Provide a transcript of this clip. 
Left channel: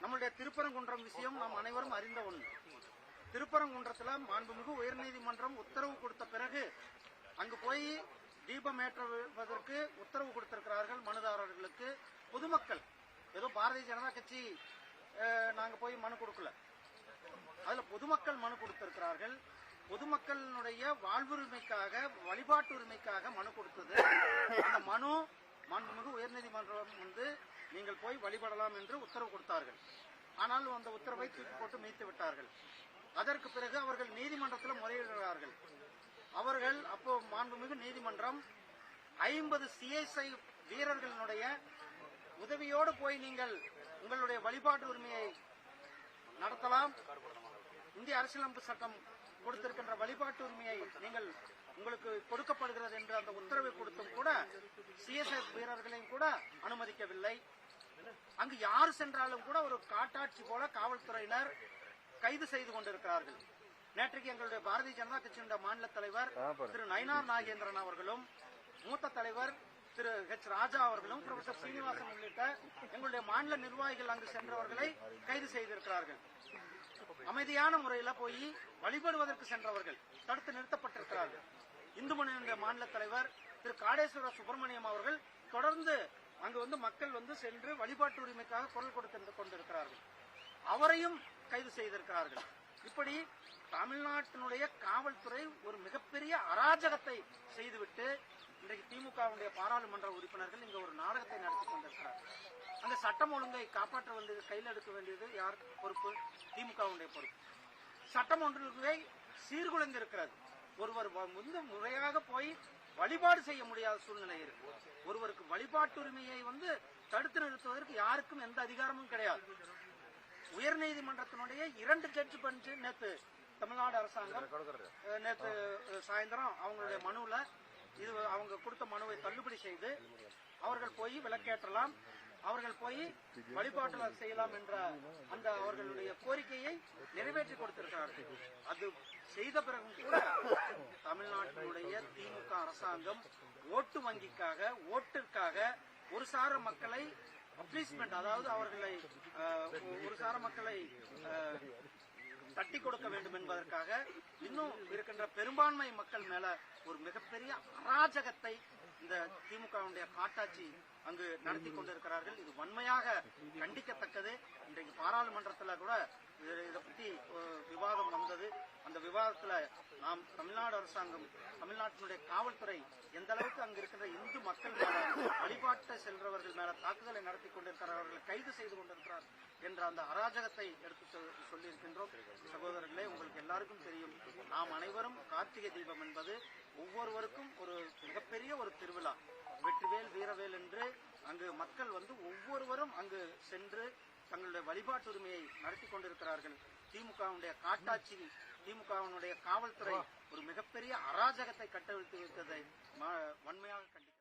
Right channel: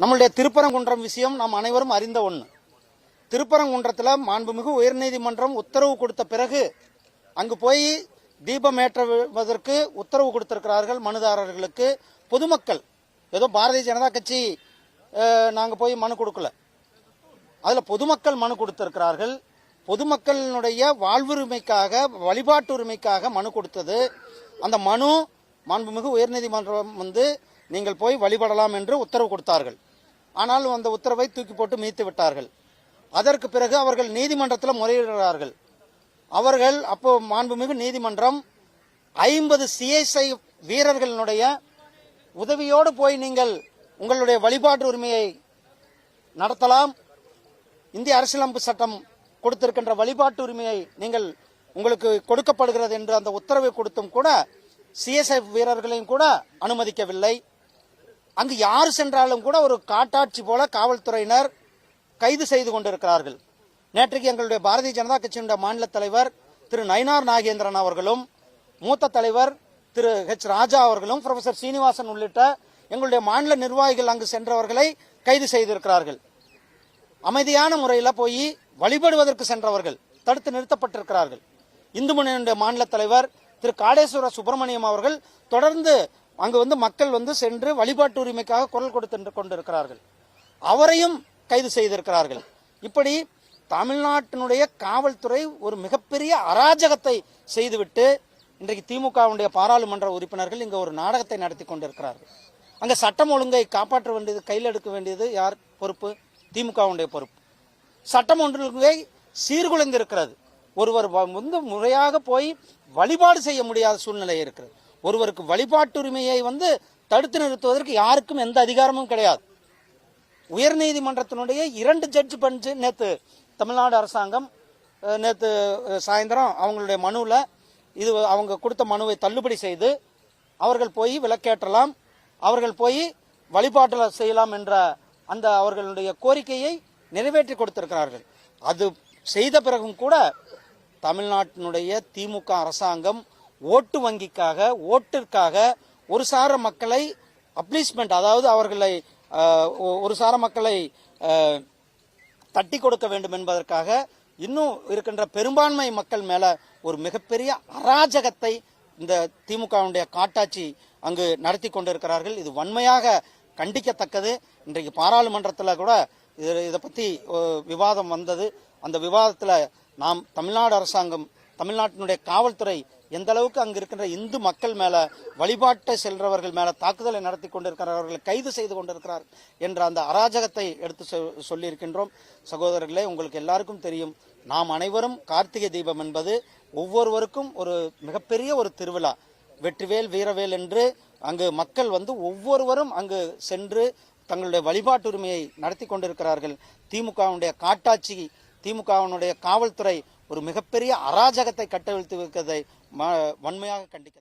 நம்மளுடைய திருப்பரங்குன்றம் விஷயம் நாம் அனைவரும் அறிந்த ஒன்று. திருப்பரங்குன்றத்தில் மாண்புமிகு உயர்நீதிமன்றம் உத்தரவு கொடுத்த பிறகு அங்கு போய் தீபம் ஏற்றுவதற்கு உத்தரவு கொடுத்திருக்கிறார்கள் மனுதாரர்களுக்கு. பொதுமக்கள் ஏதோ பாரதிய ஜனதா கட்சி நாங்கள் போய் மனு கொடுக்கல, அதில் பொதுமக்கள் மனு கொடுத்திருக்கிறார்கள். பொதுமக்களினுடைய வாழ்வுரிமைக்காக வழிபாட்டு உரிமைக்காக மனு கொடுத்தது. அந்த மனு மாண்புமிகு உயர்நீதிமன்றம் நீங்கள் போய் வழிபடலாம் என்று உத்தரவு கொடுத்தார்கள். ஆனால் அந்த உத்தரவை தூக்கி போட்டு மீத்து விட்டார்கள். அதற்கு பிறகு அவர்கள் நீதிமன்றத்தில் முறையிடுகிறார்கள். அவர்கள் அப்போ மாண்புமிகு நீதிமன்றம் 50 CSI வீரர்களுடைய உதவியோடு போய் நீங்கள் உங்களுடைய வழிபாட்டு உரிமையை நடத்தலாம், இந்திய அரசியலமைப்பு சட்டம் கொடுத்திருக்கின்ற வழிபாட்டு உரிமையை நீங்கள் உங்களுக்கு கொடுக்கப்படுகிறது என்று அந்த உத்தரவை கொடுத்தும் கூட CSI வீரர்களையும் கூட அனுமதிக்கவில்லை. அங்கு யார் சென்றாலும் கூட ஒரு காட்டாட்சி போல காவல்துறையினர் கைது செய்து கொண்டிருக்கிறார்கள். நேற்றைக்கு எங்களுடைய பாரதிய ஜனதா கட்சியினுடைய மாநில தலைவர் திரு நயினார் நாகேந்திரன் அவர்களும், மூத்த தலைவர் திரு H. ராஜா அவர்களும், புரொஃபசர் சீனிவாசன் உள்ளிட்ட எங்களுடைய மாநில நிர்வாகிகள் அங்கு சென்றவர்களை கைது செய்திருக்கிறார்கள். அமைதியான முறையில் போய் வழிபடுவதற்கு சென்றவர்கள் தடுத்து நிறுத்தப்பட்டிருக்கிறார்கள். இந்து முன்னணியுடைய மாநில தலைவர் திரு காடேஸ்வர சுப்பிரமணியம் அவர்கள் தொடர்ந்து அங்கு மக்கள் சென்று வழிபாட்டு உரிமைக்காக குரல் கொடுத்து கொண்டிருக்கிறார்கள். அவரையும் கைது செய்திருக்கிறார்கள். இப்படி தமிழ்நாட்டினுடைய காவல்துறை ஒரு மிகப்பெரிய அராஜகத்தை செய்துவிட்டு இன்றைக்கு திமுகவுடைய பாராளுமன்ற உறுப்பினர்கள் இங்கே ஒரு நாடகத்தை நடத்தி கொண்டிருக்கிறார்கள். அங்கே சட்டம் ஒழுங்கை காப்பாற்ற வேண்டியது, கையில் எடுக்க வேண்டியது யார் பொறுப்பு? திமுகவுடைய பொறுப்பு. சட்டம் ஒழுங்கை சீர்குலைந்திருக்கிறது. ஒருவர் முறையாக போய் வழிபாடு செய்ய முடியாத சூழ்நிலை இருக்கிறது. ஒருவருக்கு வழிபாட்டு உரிமையை தடுத்து நிறுத்துவதற்கு யாருக்கும் எந்த அதிகாரமும் கிடையாது. உயர்நீதிமன்றத்தினுடைய 2 ஜட்ஜ் பெஞ்சு நேற்று தமிழ்நாடு அரசாங்கம் நேற்று சாயந்தரம் அவங்களுடைய மனுவில் இது அவங்க கொடுத்த மனுவை தள்ளுபடி செய்து அவர்கள் போய் விலக்கேற்றலாம், அவர்கள் போய் வழிபாட்டில் செய்யலாம் என்ற அந்த அவர்களுடைய கோரிக்கையை நிறைவேற்றி கொடுத்திருக்கிறார்கள். அது செய்த பிறகும் கூட தமிழ்நாட்டினுடைய திமுக அரசாங்கம் ஓட்டு வங்கிக்காக, ஓட்டிற்காக ஒரு சார மக்களை அப்ளீஸ்மெண்ட், அதாவது அவர்களை ஒரு சார மக்களை தட்டி கொடுக்க வேண்டும் என்பதற்காக இன்னும் இருக்கின்ற பெரும்பான்மை மக்கள் மேல ஒரு மிகப்பெரிய அராஜகத்தை இந்த திமுகவுடைய காட்டாட்சி அங்கு நடத்தி கொண்டிருக்கிறார்கள். இது வன்மையாக கண்டிக்கத்தக்கது. இன்றைக்கு பாராளுமன்றத்தில் கூட இதை பற்றி விவாதம் வந்தது. அந்த விவாதத்தில் நாம் தமிழ்நாடு அரசாங்கம், தமிழ்நாட்டினுடைய காவல்துறை எந்த அளவுக்கு அங்கு இருக்கின்ற இந்து மக்கள் மேல, வழிபாட்டை செல்றவர்கள் மேல தாக்குதலை நடத்தி கொண்டிருக்கிறவர்களை கைது செய்து கொண்டிருக்கிறார் என்ற அந்த அராஜகத்தை எடுத்து சொல்லியிருக்கின்றோம். சகோதரர்களே, உங்களுக்கு எல்லாருக்கும் தெரியும், நாம் அனைவரும் கார்த்திகை தீபம் என்பது ஒவ்வொருவருக்கும் ஒரு மிகப்பெரிய ஒரு திருவிழா. வெற்றிவேல் வீரவேல் என்று அங்கு மக்கள் ஒவ்வொருவரும் அங்கு சென்று தங்களுடைய வழிபாட்டு உரிமையை நடத்தி கொண்டிருக்கிறார்கள். திமுகவுடைய காட்டாட்சி, திமுகவினுடைய காவல்துறை ஒரு மிகப்பெரிய அராஜகத்தை கட்டவிழ்த்து வைக்கிறதை வன்மையாக கண்டிக்க